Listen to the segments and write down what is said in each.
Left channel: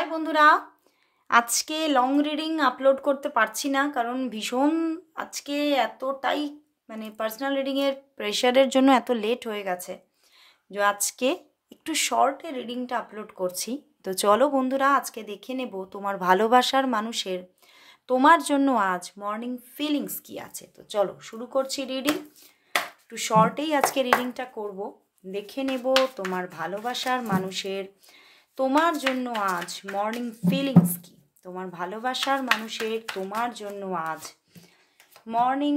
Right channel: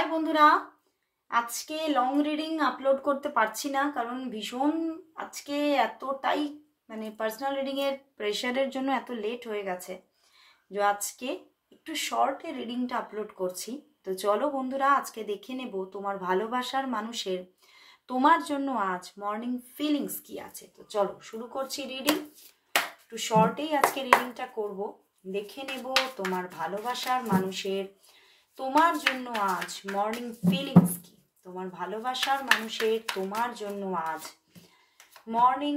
High বন্ধুরা, আজকে long reading upload করতে পারছি না কারণ ভীষণ আজকে এতটাই পার্সোনাল রিডিংয়ের প্রেশারের জন্য এত লেট হয়ে গেছে যে আজকে একটু শর্টে রিডিংটা আপলোড করছি। তো চলো বন্ধুরা, আজকে দেখে নেব তোমার ভালোবাসার মানুষের তোমার জন্য আজ মর্নিং ফিলিংস কি আছে। তো চলো শুরু করছি রিডিং। একটু শর্টেই আজকে রিডিংটা করব। দেখে নেব তোমার ভালোবাসার মানুষের তোমার জন্য আজ মর্নিং ফিলিংস কি। তোমার ভালোবাসার মানুষের তোমার জন্য আজ মর্নিং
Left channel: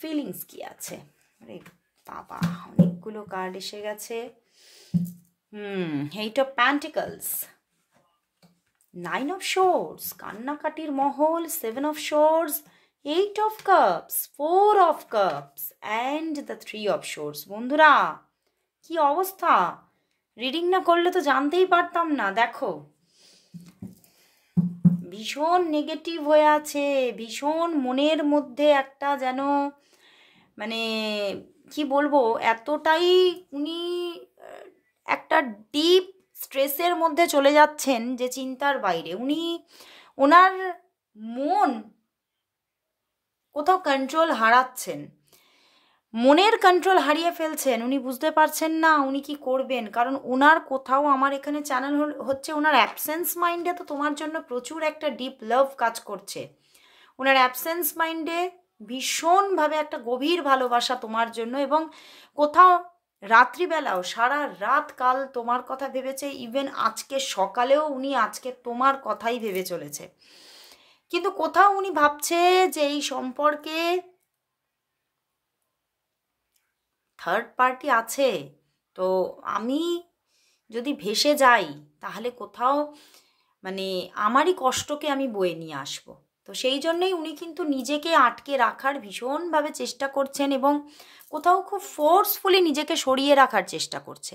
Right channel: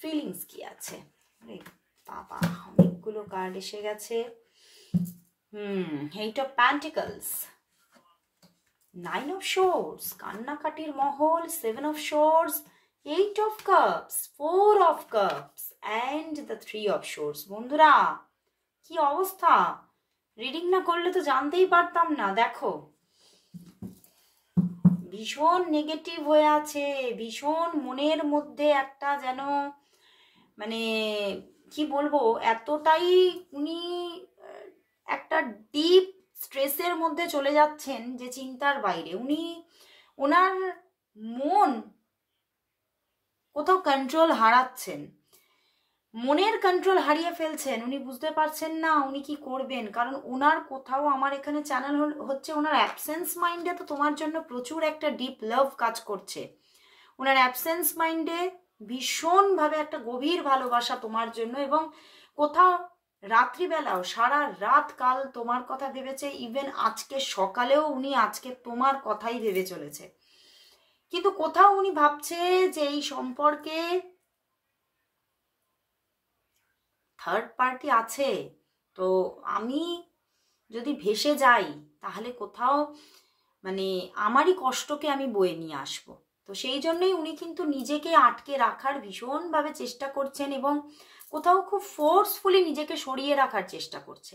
ফিলিংস কি আছে। আরে বাবা, অনেকগুলো কার্ড এসে গেছে। Eight of pentacles, nine of swords, কান্নাকাটির মহল, seven of swords, eight of cups, four of cups and the three of swords. বন্ধুরা কি অবস্থা, রিডিং না করলে তো জানতেই পারতাম না। দেখো ভীষণ নেগেটিভ হয়ে আছে, ভীষণ মনের মধ্যে একটা যেন কি বলবো, এতটাই উনি একটা ডিপ স্ট্রেসের মধ্যে চলে যাচ্ছেন যে চিন্তার বাইরে। ওনার মন কোথাও কন্ট্রোল হারাচ্ছেন, মনের কন্ট্রোল হারিয়ে ফেলছেন। উনি বুঝতে পারছেন না উনি কি করবেন, কারণ ওনার কোথাও আমার এখানে চ্যানেল হচ্ছে ওনার অ্যাবসেন্স মাইন্ডে তো তোমার জন্য প্রচুর একটা ডিপ লাভ কাজ করছে। ওনার অ্যাবসেন্স মাইন্ডে ভীষণভাবে একটা গভীর ভালোবাসা তোমার জন্য, এবং কোথাও রাত্রিবেলাও সারা রাত কাল তোমার কথা ভেবেছে। ইভেন আজকে সকালেও উনি আজকে তোমার কথাই ভেবে চলেছে, কিন্তু কোথাও উনি ভাবছে যে এই সম্পর্কে থার্ড পার্টি আছে। তো আমি যদি ভেসে যাই তাহলে কোথাও আমারই কষ্টকে আমি বয়ে নিয়ে আসব। তো সেই জন্যই উনি কিন্তু নিজেকে আটকে রাখার ভীষণভাবে চেষ্টা করছেন, এবং কোথাও খুব ফোর্সফুলি নিজেকে সরিয়ে রাখার চেষ্টা করছে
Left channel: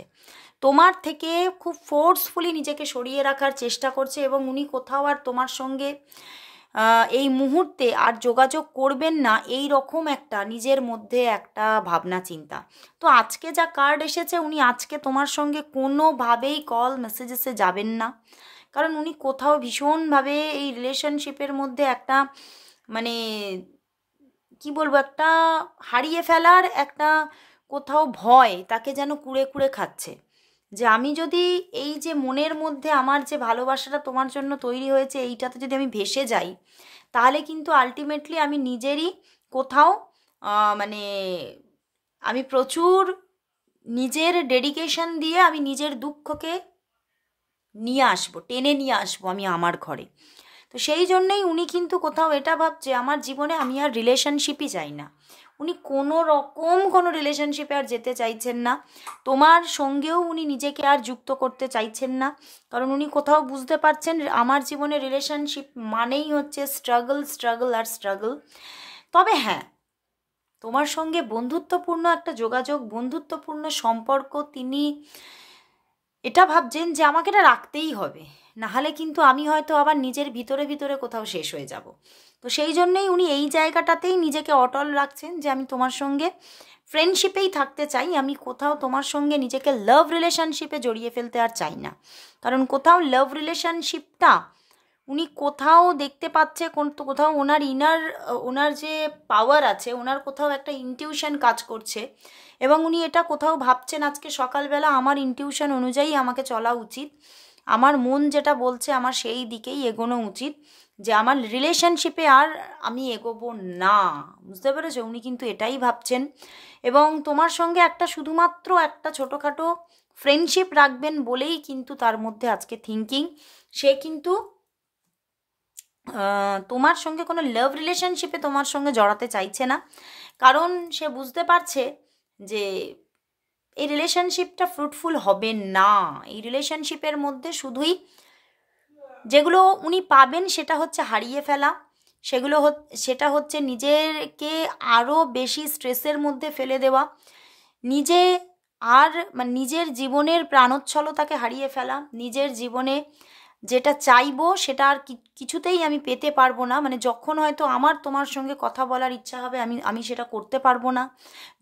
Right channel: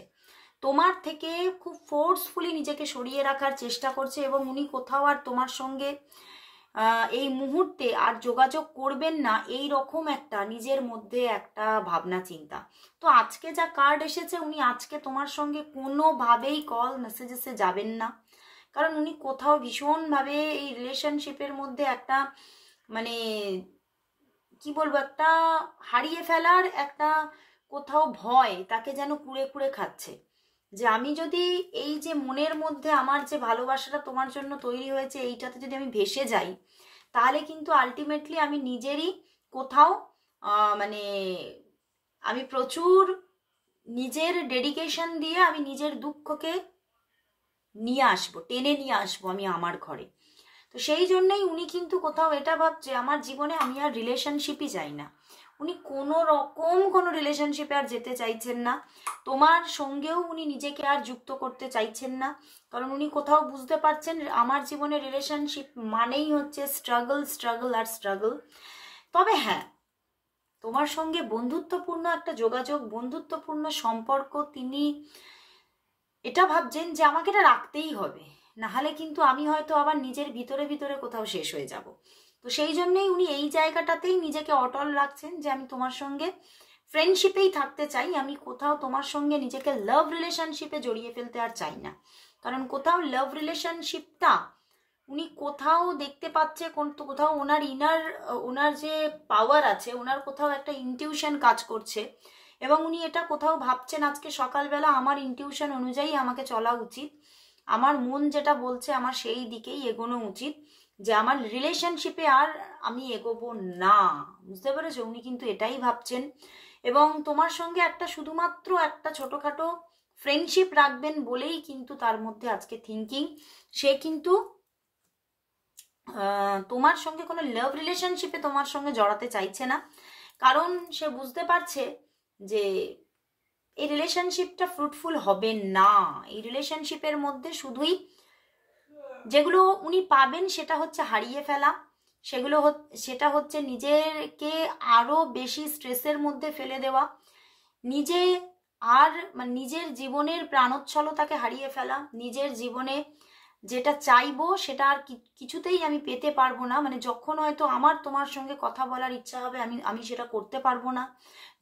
তোমার থেকে, খুব ফোর্সফুলি নিজেকে সরিয়ে রাখার চেষ্টা করছে। এবং উনি কোথাও আর তোমার সঙ্গে এই মুহূর্তে আর যোগাযোগ করবেন না, এই রকম একটা নিজের মধ্যে একটা ভাবনা চিন্তা। তো আজকে যা কার্ড এসেছে, উনি আজকে তোমার সঙ্গে কোনোভাবেই কল মেসেজেসে যাবেন না, কারণ উনি কোথাও ভীষণভাবে এই রিলেশনশিপের মধ্যে একটা কি বলবো, একটা হারিয়ে ফেলার একটা কোথাও ভয় তাকে যেন কুড়ে কুড়ে খাচ্ছে। যে আমি যদি এই যে মনের মধ্যে আমার যে ভালোবাসাটা তোমার জন্য তৈরি হয়েছে, এইটাতে যদি আমি ভেসে যাই, তাহলে কিন্তু আলটিমেটলি আমি নিজেরই কোথাও আমি প্রচুর নিজের ডেডিকেশন দিয়ে আমি নিজের দুঃখকে নিয়ে আসবো, টেনে নিয়ে আসবো আমি আমার ঘরে। তো সেই জন্যই উনি কিন্তু কোথাও এটা ভাবছে আমার জীবনে আমি আর রিলেশনশিপই চাই না। উনি কোনো রকম কোনো রিলেশনশিপে আর যেতে চাইছেন না, তোমার সঙ্গেও উনি নিজেকে আর যুক্ত করতে চাইছেন না, কারণ উনি কোথাও বুঝতে পারছেন আমার জীবনে রিলেশনশিপ মানেই হচ্ছে স্ট্রাগল, স্ট্রাগল আর স্ট্রাগল। তবে হ্যাঁ, তোমার সঙ্গে বন্ধুত্বপূর্ণ একটা যোগাযোগ, বন্ধুত্বপূর্ণ সম্পর্ক, তিনি এটা ভাবছেন যে আমাকে এটা রাখতেই হবে, নাহলে কিন্তু আমি হয়তো আবার নিজের ভিতরে ভিতরে কোথাও শেষ হয়ে যাব। তো সেই জন্যেই উনি এই জায়গাটাতেই নিজেকে অটল রাখছেন যে আমি তোমার সঙ্গে ফ্রেন্ডশিপেই থাকতে চাই, আমি কোথাও তোমার সঙ্গে নিজেকে লাভ রিলেশনশিপে জড়িয়ে ফেলতে আর চাই না। কারণ কোথাও লাভ রিলেশনশিপটা উনি কোথাও দেখতে পাচ্ছে, কোথাও ওনার যে পাওয়ার আছে, ওনার কোথাও একটা ইনটিউশন কাজ করছে, এবং উনি এটা কোথাও ভাবছেন আজকে সকালবেলা আমার ইনটিউশন অনুযায়ী আমাকে চলা উচিত, আমার মন যেটা বলছে আমার সেই দিকেই এগোনো উচিত, যে আমার রিলেশনশিপে আর আমি এগোবো না। বুঝতে পেরেছো, উনি কিন্তু এটাই ভাবছেন, এবং তোমার সঙ্গে একটা শুধুমাত্র একটা ছোটোখাটো ফ্রেন্ডশিপ রাখবেন বলেই কিন্তু তার মধ্যে আজকে থিঙ্কিং। সে কিন্তু তোমার সঙ্গে কোনো লাভ রিলেশনশিপে তোমার সঙ্গে জড়াতে চাইছে না, কারণ সে বুঝতে পারছে যে এই রিলেশনশিপটা ফ্রুটফুল হবে না। এই রিলেশনশিপের মধ্যে শুধুই যেগুলো উনি পাবেন সেটা হচ্ছে হারিয়ে ফেলা, সেটা হচ্ছে নিজেকে আরও বেশি স্ট্রেসের মধ্যে ফেলে দেওয়া, নিজে আর নিজের জীবনের প্রাণোচ্ছলতাকে হারিয়ে ফেলা, নিজের জীবনে যেটা চাইবো সেটা আর কিছুতেই আমি পেতে পারবো না। যখন হয়তো আমার তোমার সঙ্গে কথা বলার ইচ্ছা হবে আমি সেটা করতে পারবো না,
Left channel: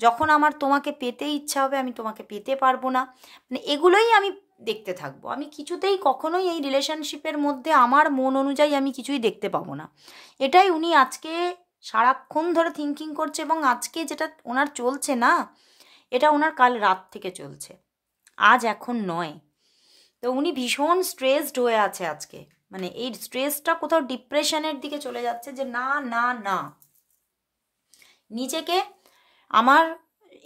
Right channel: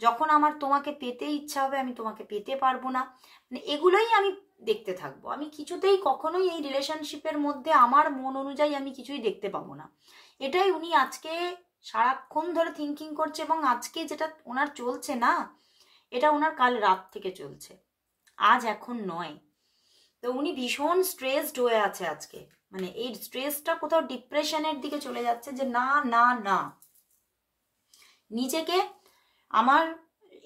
যখন আমার তোমাকে পেতে ইচ্ছা হবে আমি তোমাকে পেতে পারবো না, এগুলোই আমি দেখতে থাকবো। আমি কিছুতেই কখনোই এই রিলেশনশিপের মধ্যে আমার মন অনুযায়ী আমি কিছুই দেখতে পাবো না। এটাই উনি আজকে সারাক্ষণ ধরে থিঙ্কিং করছে, এবং আজকে যেটা ওনার চলছে না, এটা ওনার কাল রাত থেকে চলছে, আজ এখন নয়। তো উনি ভীষণ স্ট্রেসড হয়ে আছে আজকে, মানে এই স্ট্রেসটা কোথাও ডিপ্রেশনের দিকে চলে যাচ্ছে, যে না না না, নিজেকে আমার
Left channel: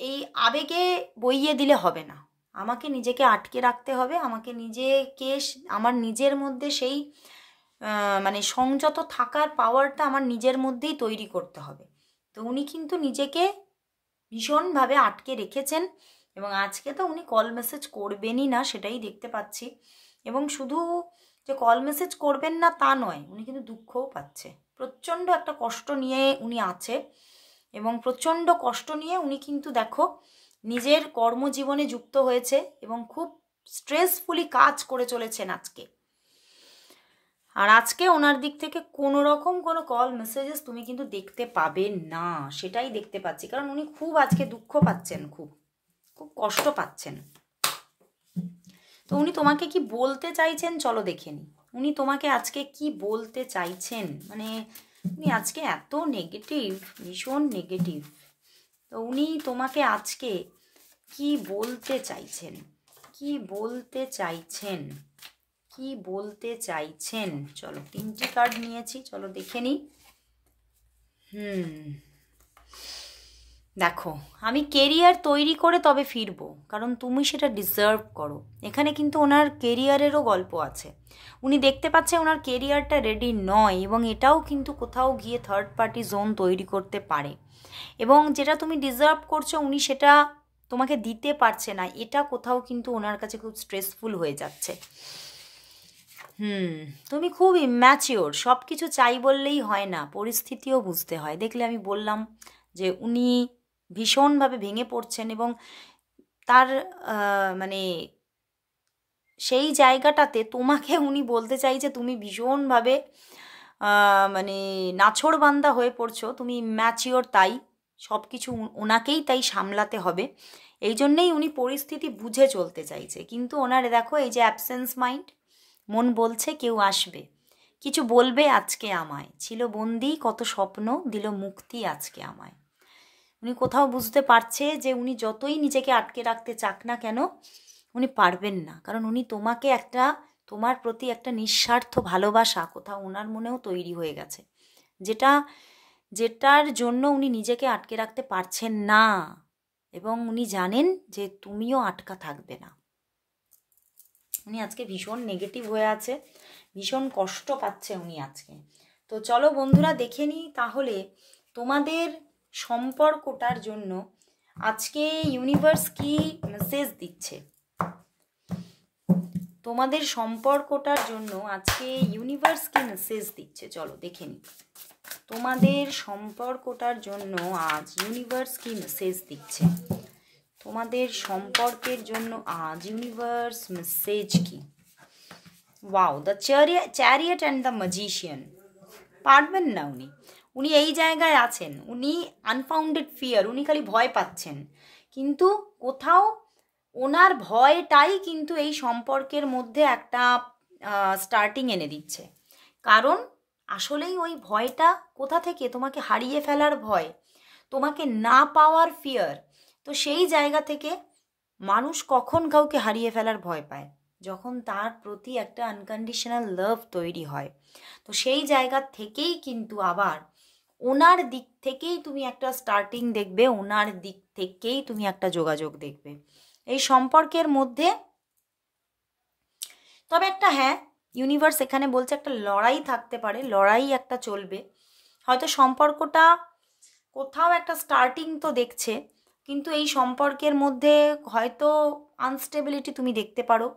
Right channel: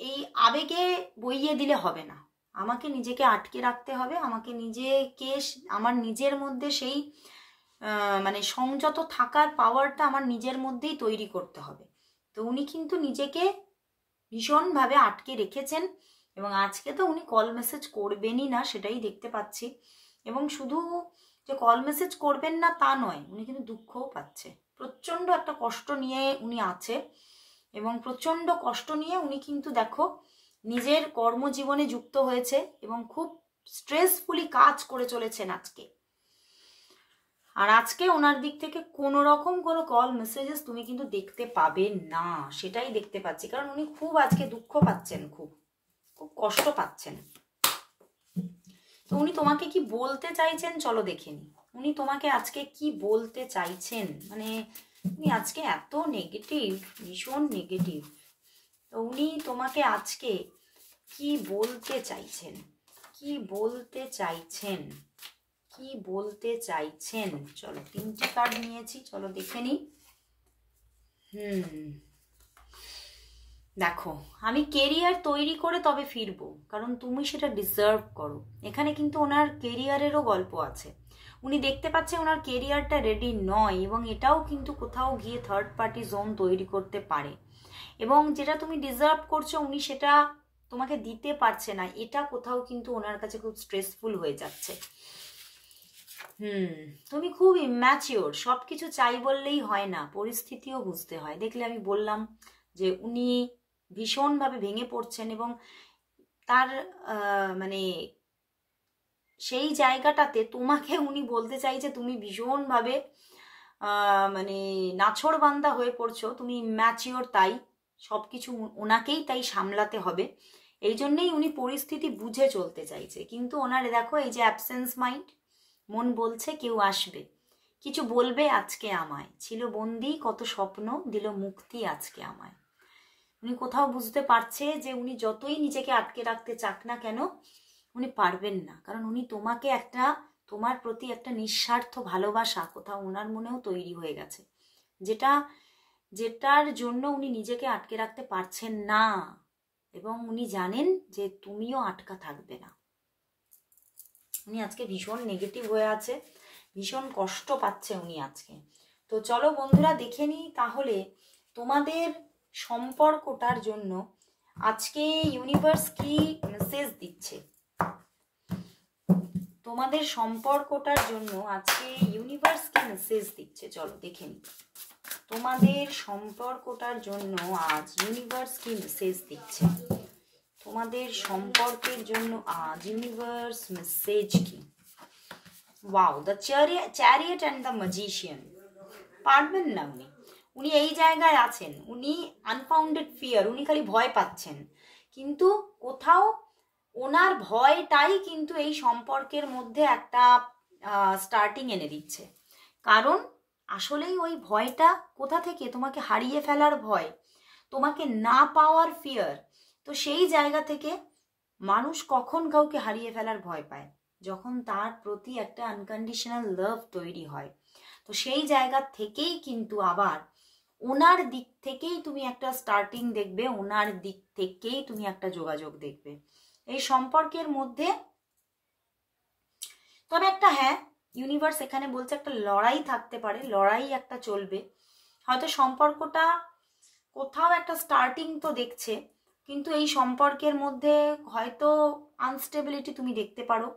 এই আবেগে বইয়ে দিলে হবে না, আমাকে নিজেকে আটকে রাখতে হবে, আমাকে নিজেকে আমার নিজের মধ্যে সেই মানে সংযত থাকার পাওয়ারটা আমার নিজের মধ্যেই তৈরি করতে হবে। তো উনি কিন্তু নিজেকে ভীষণভাবে আটকে রেখেছেন, এবং আজকে তো উনি কল মেসেজ করবেনই না, সেটাই দেখতে পাচ্ছি। এবং শুধু যে কল মেসেজ করবেন না তা নয়, উনি কিন্তু দুঃখও পাচ্ছে, প্রচণ্ড একটা কষ্ট নিয়ে উনি আছে, এবং প্রচণ্ড কষ্ট নিয়ে উনি কিন্তু দেখো নিজের কর্মজীবনে যুক্ত হয়েছে, এবং খুব স্ট্রেসফুলি কাজ করে চলেছেন আজকে। আর আজকে ওনার দিক থেকে কোনো রকম কোনো কল মেসেজেস তুমি কিন্তু দেখতে পাবে না, সেটাই দেখতে পাচ্ছি। কারণ উনি খুব আজকে দুঃখ পাচ্ছেন, খুব খুব কষ্ট পাচ্ছেন। তো উনি তোমাকে কি বলতে চাইছেন চলো দেখে নি, উনি তোমাকে আজকে কি বলতে চাইছেন। মানে উনি আজকে এত নেগেটিভ, ভীষণ নেগেটিভ। তো উনি তোমাকে আজকে কি বলতে চাইছেন, কি বলতে চাইছেন, কি বলতে চাইছেন। চলো 3টি কার্ড নিয়েছি, চলো দেখে নি। দেখো, আমি কেরিয়ার তৈরি করে তবে ফিরবো, কারণ তুমি সেটা ডিজার্ভ করো। এখানে কিন্তু ওনার কেরিয়ারেরও গল্প আছে। উনি দেখতে পাচ্ছে ওনার কেরিয়ারটা রেডি নয়, এবং এটাও কিন্তু কোথাও গিয়ে থার্ড পার্টি জোন তৈরি করতে পারে, এবং যেটা তুমি ডিজার্ভ করছো উনি সেটা তোমাকে দিতে পারছে না, এটা কোথাও কিন্তু ওনার কাছে খুব স্ট্রেসফুল হয়ে যাচ্ছে। তুমি খুব ইম্যাচিওর, সব কিছু চাই বললেই হয় না, পরিস্থিতিও বুঝতে হয়। দেখলে আমি বললাম যে উনি ভীষণভাবে ভেঙে পড়ছেন, এবং তার মানে সেই জায়গাটাতে তোমাকে উনি বলতে চাইছে তুমি ভীষণভাবে মানে নাছোড়বান্দা হয়ে পড়ছো, তুমি ইম্যাচিওর, তাই সব কিছু ওনাকেই তাই সামলাতে হবে। এই জন্যেই উনি পরিস্থিতি বুঝে চলতে চাইছে। কিন্তু ওনার দেখো এই যে অ্যাবসেন্স মাইন্ড, মন বলছে কেউ আসবে, কিছু বলবে আজকে আমায়, ছিল বন্দি কত স্বপ্ন, দিল মুক্তি আজকে আমায়। উনি কোথাও বুঝতে পারছে যে উনি যতই নিজেকে আটকে রাখতে চাক না কেন, উনি পারবেন না। কারণ উনি তোমাকে একটা, তোমার প্রতি একটা নিঃস্বার্থ ভালোবাসা কোথাও ওনার মনেও তৈরি হয়ে গেছে, যেটার জন্য উনি নিজেকে আটকে রাখতে পারছেন না, এবং উনি জানেন যে তুমিও আটকা থাকবে না। উনি আজকে ভীষণ নেগেটিভ হয়ে আছে, ভীষণ কষ্ট পাচ্ছে উনি আজকে। তো চলো বন্ধুরা দেখে নিই তাহলে তোমাদের সম্পর্কটার জন্য আজকে ইউনিভার্স কি মেসেজ দিচ্ছে। তোমাদের সম্পর্কটার জন্য আজকে ইউনিভার্স কি মেসেজ দিচ্ছে, চলো দেখে নিই। তোমাদের সম্পর্কটার জন্য আজ ইউনিভার্স কি মেসেজ দিচ্ছে, তোমাদের সম্পর্কের জন্য আজ ইউনিভার্স মেসেজ কি। Wow, the chariot and the magician. পারবেন না উনি, উনি এই জায়গায় আছেন, উনি আনফাউন্ডেড ফিয়ার, উনি খালি ভয় পাচ্ছেন, কিন্তু কোথাও ওনার ভয়টাই কিন্তু এই সম্পর্কের মধ্যে একটা স্টার্টিং এনে দিচ্ছে। কারণ আসলেই ওই ভয়টা কোথা থেকে, তোমাকে হারিয়ে ফেলার ভয়, তোমাকে না পাওয়ার ফিয়ার। তো সেই জায়গা থেকে মানুষ কখন কাউকে হারিয়ে ফেলার ভয় পায়, যখন তার প্রতি একটা আনকন্ডিশনাল লাভ তৈরি হয়। তো সেই জায়গা থেকেই কিন্তু আবার ওনার দিক থেকেই তুমি একটা স্টার্টিং দেখবে, ওনার দিক থেকেই তুমি একটা যোগাযোগ দেখবে এই সম্পর্কের মধ্যে। তবে একটা হ্যাঁ, ইউনিভার্স এখানে বলছে একটা লড়াই থাকতে পারে, লড়াই একটা চলবে। হয়তো সম্পর্কটা কোথাও একটা স্টার্টিং তো দেখছে, কিন্তু এই সম্পর্কের মধ্যে হয়তো আনস্টেবিলিটি তুমি দেখতে পারো,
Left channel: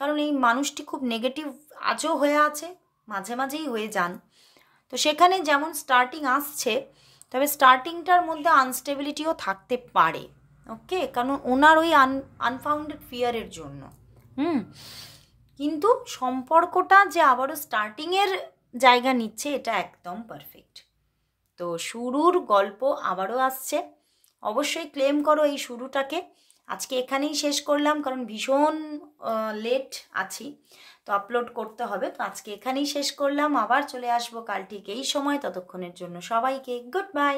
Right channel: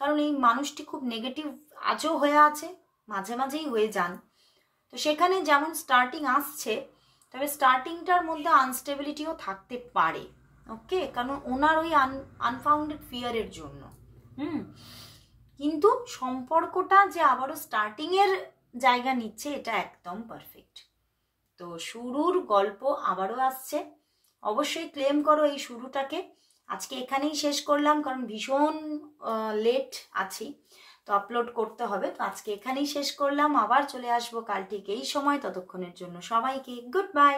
কারণ এই মানুষটি খুব নেগেটিভ আজও হয়ে আছে, মাঝে মাঝেই হয়ে যান। তো সেখানে যেমন স্টার্টিং আসছে, তবে স্টার্টিংটার মধ্যে আনস্টেবিলিটিও থাকতে পারে। ওকে, কারণ ওনার ওই আনফাউন্ডেড ফিয়ারের জন্য। কিন্তু সম্পর্কটা যে আবারও স্টার্টিংয়ের জায়গা নিচ্ছে, এটা একদম পারফেক্ট। তো শুরুর গল্প আবারও আসছে, অবশ্যই ক্লেম করো এই শুরুটাকে। আজকে এখানেই শেষ করলাম, কারণ ভীষণ লেট আছি, তো আপলোড করতে হবে। তো আজকে এখানেই শেষ করলাম, আবার চলে আসবো কাল ঠিক এই সময়। ততক্ষণের জন্য সবাইকে গুড বাই।